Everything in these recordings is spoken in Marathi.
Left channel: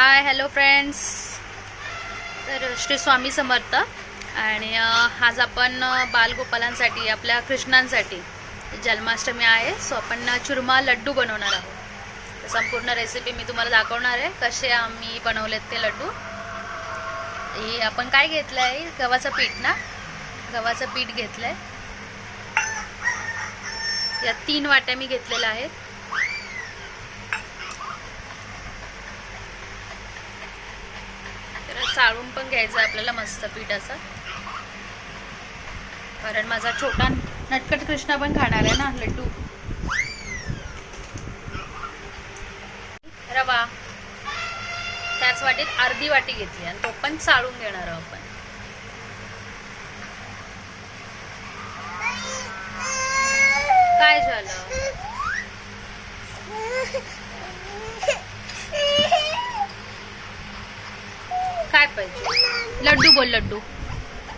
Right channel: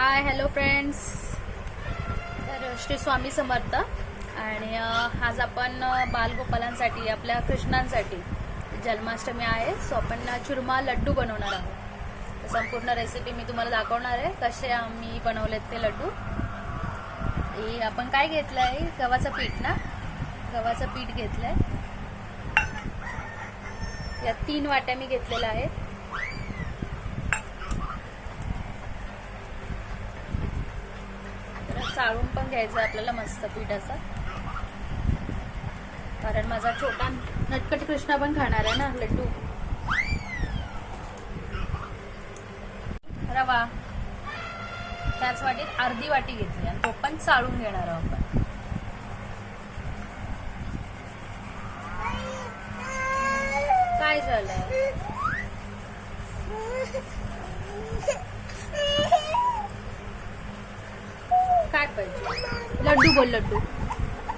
हाय हॅलो फ्रेंड्स तर श्री स्वामी समर्थ. आणि आज आपण बालगोपालांसाठी आपल्या कृष्णांसाठी जन्माष्टमी आहे. सो आपण चुरमा लड्डू बनवणार आहोत. तर संपूर्ण रेसिपी मी तुम्हाला दाखवणार आहे. कसे आम्ही बनवलेत ते लड्डू. हे आपण काय घेतलं आहे गव्हाचं पीठ ना? गव्हाचं पीठ घेतलं आहे या तीन वाट्या मी घेतलेल्या आहेत. चाळून पण घ्यायचं आहे आपल्याला मस्त पीठ असं कारण माझा छोटा नटकट कृष्णा पण खाणार आहे ना लड्डू. रवा. त्याच वाटीत अर्धी वाटी घेतली आणि तो पण चाळून घेणार आहोत आपण. काय झालं? काय पाहिजे? लड्डू बोल लड्डू.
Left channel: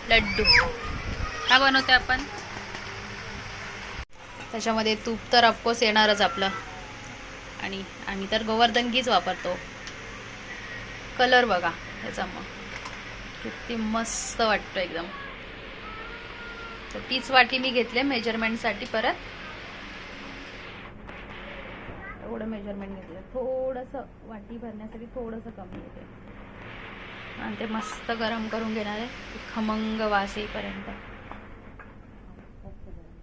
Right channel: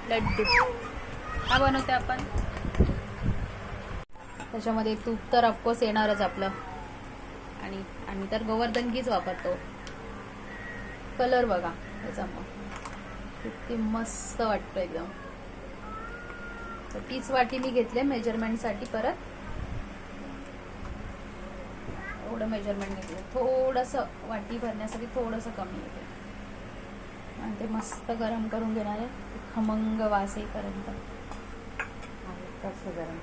लड्डू. हा बनवते आपण? त्याच्यामध्ये तूप तर ऑफकोर्स येणारच आपलं. आणि आम्ही तर गोवर्धन घीच वापरतो. कलर बघा त्याचा मग. किती मस्त वाटतो एकदम. तर तीच वाटी मी घेतले मेजरमेंटसाठी परत. एवढं मेजरमेंट घेतलं. थोडंसं वाटी भरण्यासाठी थोडंसं कमी घेतलं आणि ते मस्त गरम करून घेणार आहे. खमंग वास येईपर्यंत. गरम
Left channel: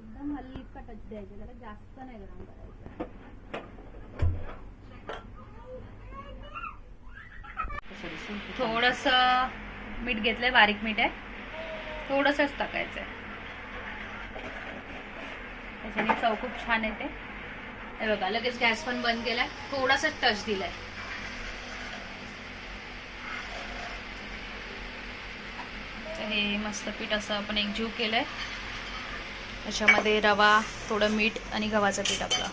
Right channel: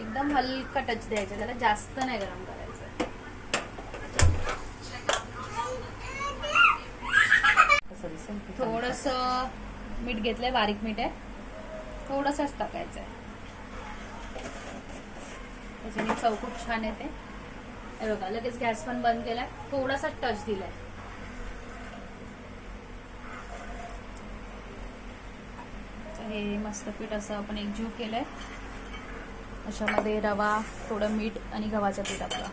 एकदम हलका टच द्यायचा त्याला जास्त नाही गरम करायचं. थोडस मीठ घेतलंय बारीक मीठ आहे. थोडंसंच टाकायचं आहे त्याच्याने चव खूप छान येते. हे बघा लगेच गॅस पण बंद केलाय. थोडासा टच दिलाय. हे मस्त पीठ असं आपण एकजीव आहे त्याच्यामध्ये रवा थोडं मीठ आणि गव्हाचं पीठ आपलं.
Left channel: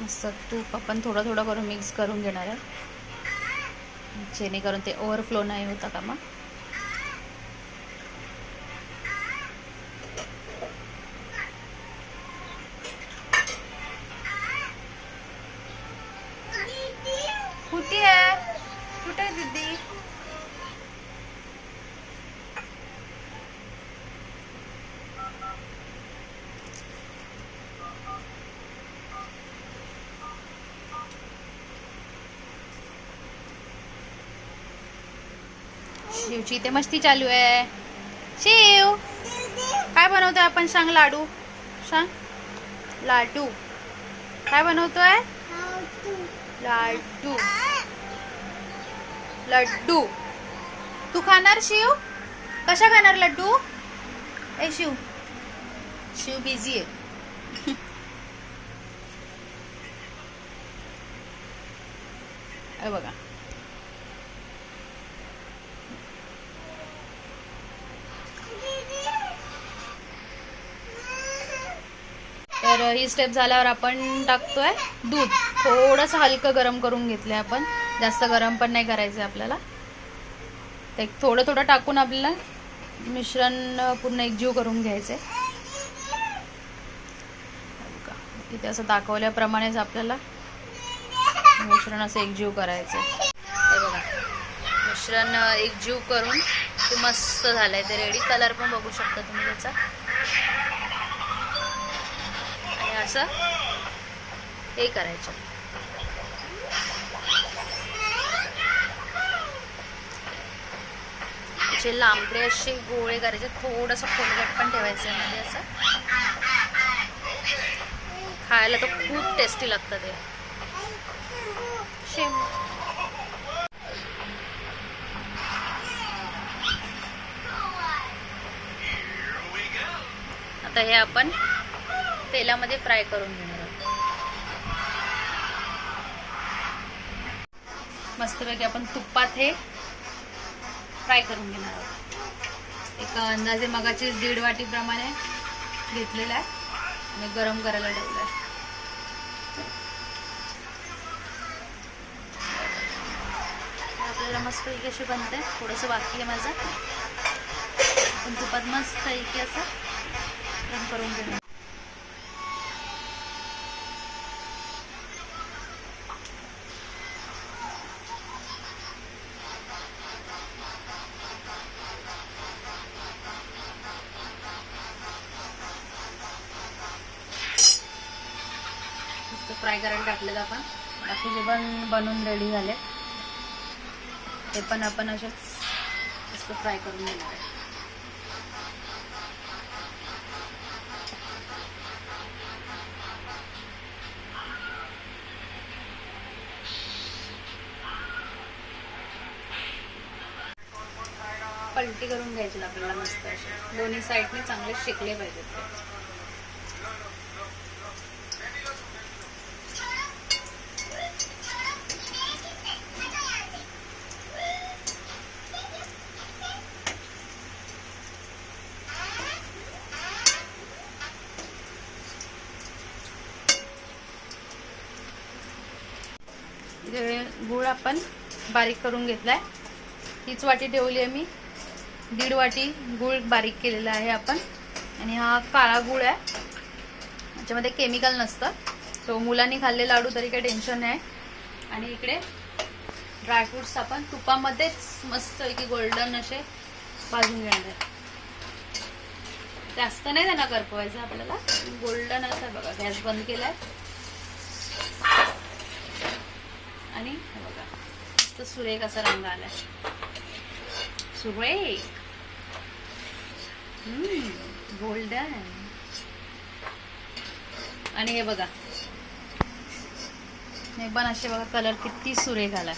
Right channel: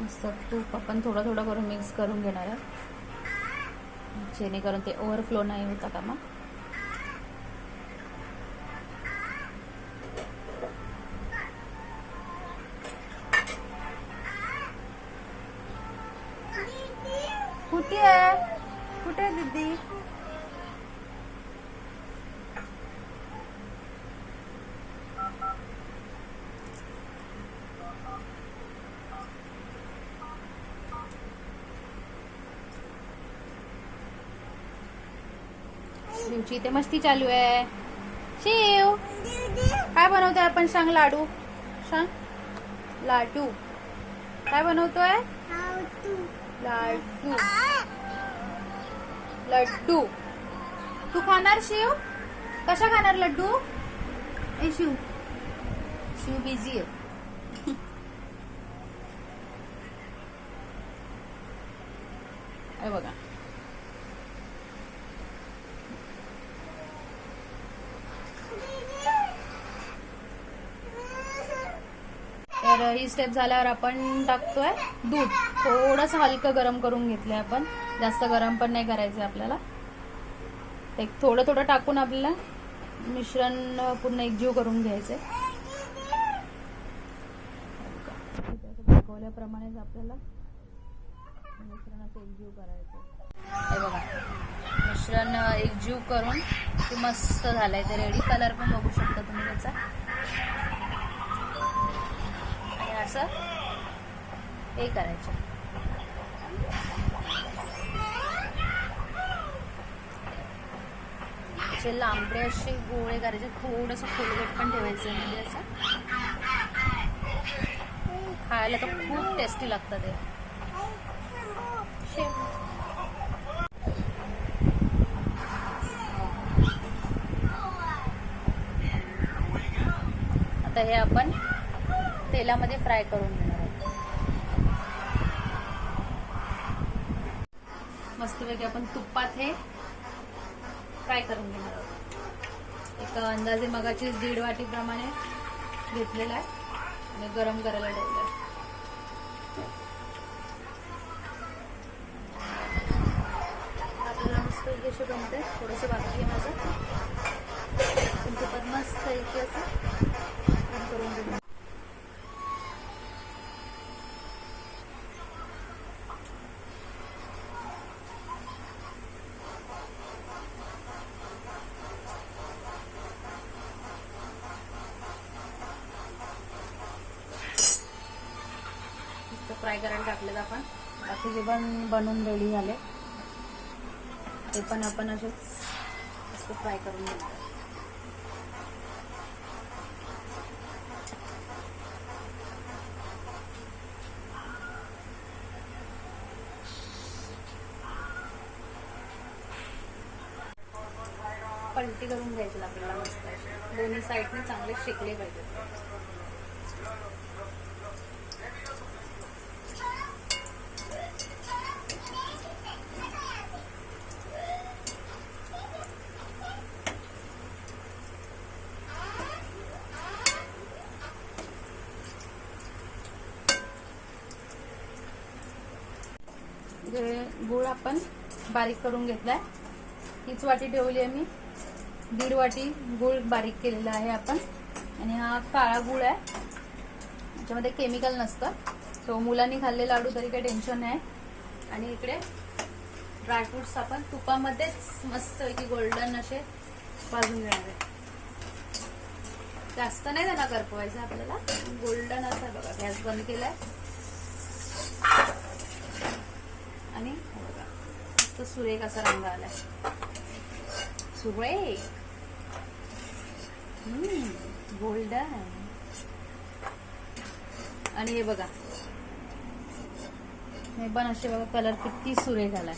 मस्त तूप आपण थोडं थोडं करून मिक्स करून घेणार आहे. जेणेकरून ते ओव्हरफ्लो नाही होता का मग. कुठे आहे? कुठे आहे दीदी? शिवची इथे मस्ती चालू आहे. शिव. काय बनवतोय आपण सांग लाडू. सांग. लाडू. काय बनवतोय? लाडू. लड्डू तू खाणार शिव? कशा खाणार लड्डू ए शिव. शिव बिझी आहे. बघा. तर ही स्टेप झाल्यावर आपण टाकतोय दूध. थोडंसं हलकं गरम करून घेतलंय आपण. जास्त गरम पण नाही करायचं आपल्याला. ते थोडं थोडं टाकून आपल्याला मिश्रण पूर्ण एकजीव करून घ्यायचे तिथे असं दाखवल्याप्रमाणेच आपल्याला मिश्रण असं एकजीव करायचं हे बघा मिश्रण एकजीव करून ते मस्त झालंय. ते रेडी कलर पण बघू शकता तुम्ही त्याचा. असं? हे करायचं. जे लांबडे असे गोळे करायचे थोडंसं खोलगट पण ठेवायचं मध्ये असं. खायला तर खूप टेस्टी लागतं ते. शेव आता हे आपण तेलामध्ये फ्राय करून घेणार आहोत. मस्तपैकी आपण तुपात हे फ्राय करून घेणार आहोत. एक अंदाजे मगाची दीड वाटीप्रमाणे घेतलेला आहे. आणि गरम करायला ठेवलं आहे. आपल्याला मस्त बनते. थोडंसं बाकी आहे माझं. पण तुपात मस्त पैकी असं करून घेणार मस्त फ्राय करायला टाकलेत आपण बाकीचे पण बनवून रेडी झाले ते पण आपण असेच मस्त फ्राय करून घेणार आहे. पलटी करून घ्यायची आपल्याला मस्त असे दोन्ही साईडने चांगले शिकले पाहिजेत. म्हणजे गूळ आपण बारीक करून घेतला आहे हीच वाटी ठेवली आहे मी. दीड वाटी गूळ बारीक केलेला आहे आपण. आणि हा काळा गूळ आहे. याच्यामध्ये केमिकल नसतं. तो मुलांनी खाल्ले लाडू तरी काही टेन्शन नाही. आणि इकडे ड्रायफ्रुट्स आपण तुपामध्येच मस्त की गोल्डन असे भाजून घेणार आहे. जास्त नाही त्यांना करपवायचं आपल्याला. गोल्डन असं बघा गॅस बंद केलाय. आणि हे बघा मस्त सुरेख असा रंग आलाय. सुरेख. गोल्डन आणि हे बघा. हे पण असे बघा कलर किती सुरेख आला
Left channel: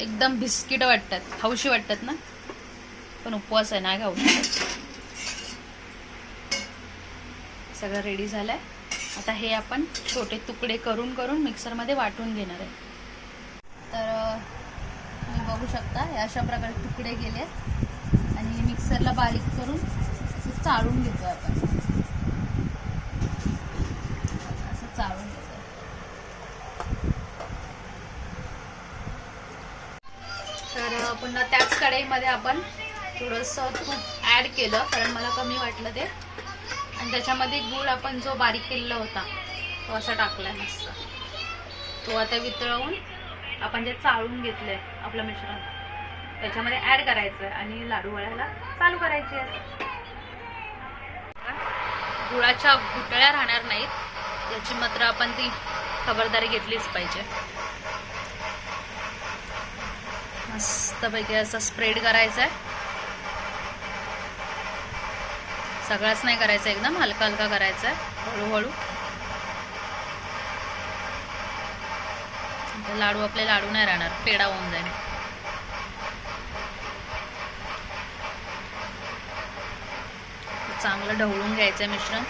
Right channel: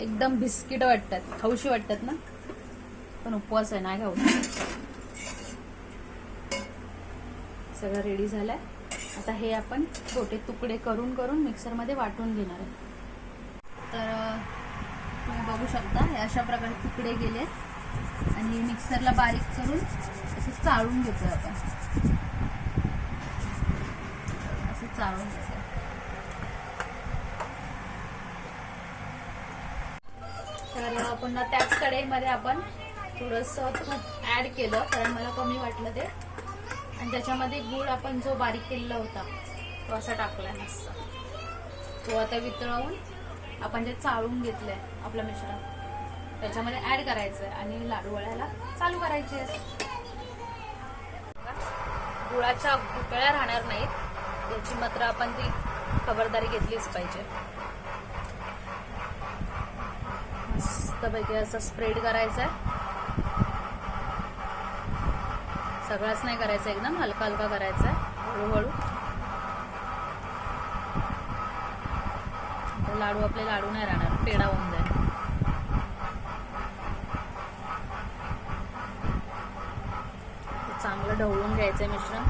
एकदम बिस्किट वाटतात. खाऊशी वाटतात ना? पण उपवास आहे नाही खाऊ सगळं रेडी झालंय. आता हे आपण छोटे तुकडे करून करून मिक्सरमध्ये वाटून घेणार आहे. बघू शकता. हे अशा प्रकारे तुकडे गेले आणि मिक्सरला बारीक करून असं चाळून घेतो आपण. असं चाळून घेतो तर पुन्हा त्याच कढईमध्ये आपण थोडंसं तूप ॲड केलं कारण मला कमी वाटलं ते. आणि त्याच्यामध्ये गूळ आपण जो बारीक केलेला होता तो असा टाकलाय मस्त. तो आता वितळवून आपण जे चाळून घेतलंय आपलं मिश्रण त्याच्यामध्ये ऍड करायचं आणि लाडू वळायला चालू करायचे गुळाच्या गुटळ्या राहणार नाहीत. याची मात्र आपण ती खबरदारी घेतलीच पाहिजे. मस्तपैकी असं स्प्रेड करायचं आहे सगळाच नाही करायचं एकदम हलका हलका करायचा आहे हळूहळू. लाडू आपले लाडू नाही राहणार. पेढा होऊन जाईल. चांगलं ढवळून घ्यायचं मिश्रण.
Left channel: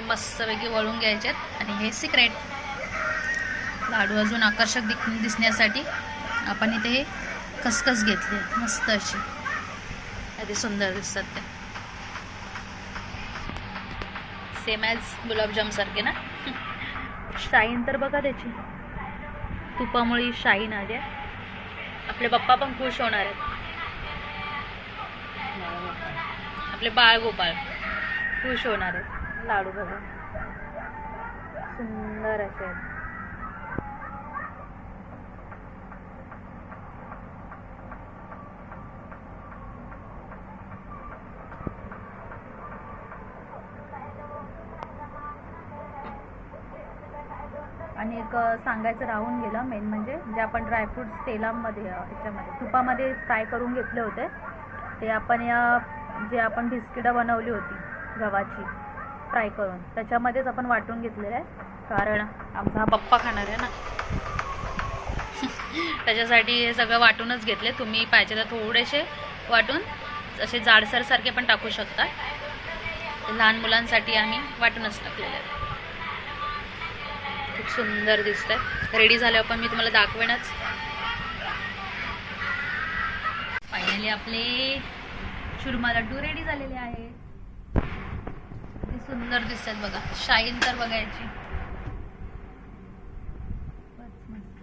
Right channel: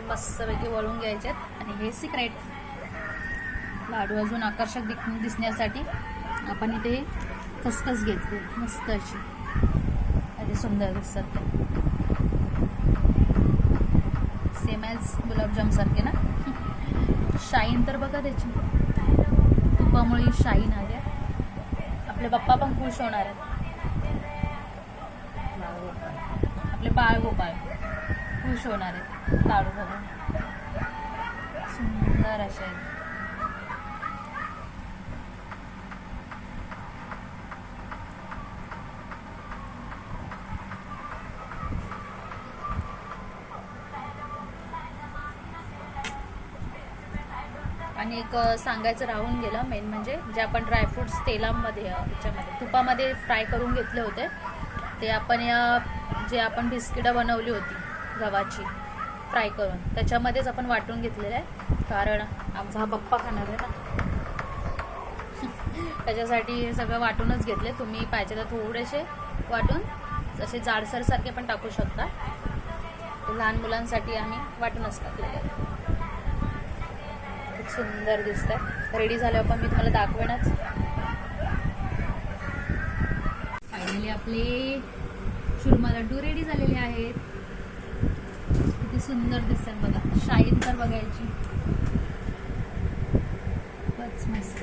असे मस्तपैकी वळून घ्यायच्यात आणि हे सिक्रेट लाडू अजून आकर्षक दिख दिसण्यासाठी आपण इथे हे खसखस घेतली मस्त अशी. अगदी सुंदर दिसतात ते. सेम ॲज गुलाबजामसारखे ना? शाईन तर बघा त्याची. तुपामुळे शाईन आली आहे. आपले पप्पा पण खुश होणार आहेत. आपले बाळ गोपाळ खुश होणार आहेत. लाडू बघून. सुंदर असे आहेत. आणि एक सांगायचं राहून गेलं मेन म्हणजे जे आपण ड्रायफ्रुट्स तेलामध्ये याच्यामध्ये तुपामध्ये फ्राय करून घेतले होते ते आपण या जे आपण बिस्किटं बनवली होती गव्हाची फ्राय करून. त्याच्यामध्येच आपण वाटून घेतलेलं आहे. कारण आमचा हा पप्पा खाणार आहे ना. त्याच्यासाठी हे सगळं वाटूनच घेतले. तुम्ही पाहिजे तर थोडेसे वाटून जसे जाडसरसारखे पण टाकू शकता. लहान मुलांसाठी आम्ही वाटूनच टाकलेले आहेत खूप सुंदर दिसतंय. रेडी झाल्यावर पण मी तुम्हाला दाखवेनच. फायनली आपले चुरमा लड्डू रेडी झालेले आहेत. किती सुंदर दिसतात बघा. शाईन तर बघायची. खूपच मस्त.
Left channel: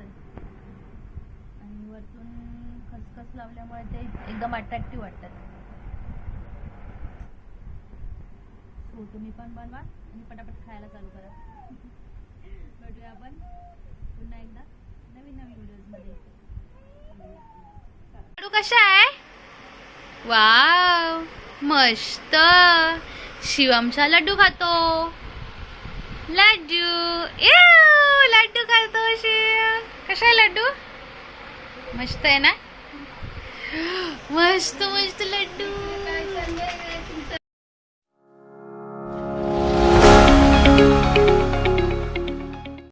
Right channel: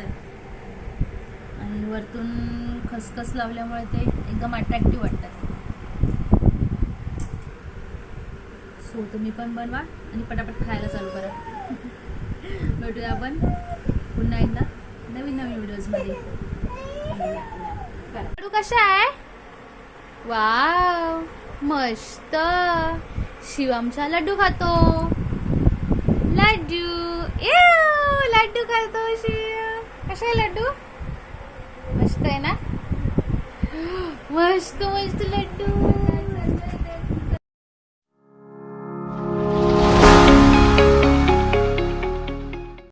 आणि वरतून खसखस लावल्यामुळे ते एकदम अट्रॅक्टिव्ह वाटतात. सो तुम्ही पण बनवा आणि पटापट खायला चालू करा. भेटूया आपण पुन्हा एकदा नवीन नवीन व्हिडिओजमध्ये कशा आहे? वाव मस्त. शिवमचा लड्डू खातो. लड्डू. ए लड्डू खातो शिव. कसा आहे लड्डू? मस्त आहे ना? मस्त मस्त लड्डू.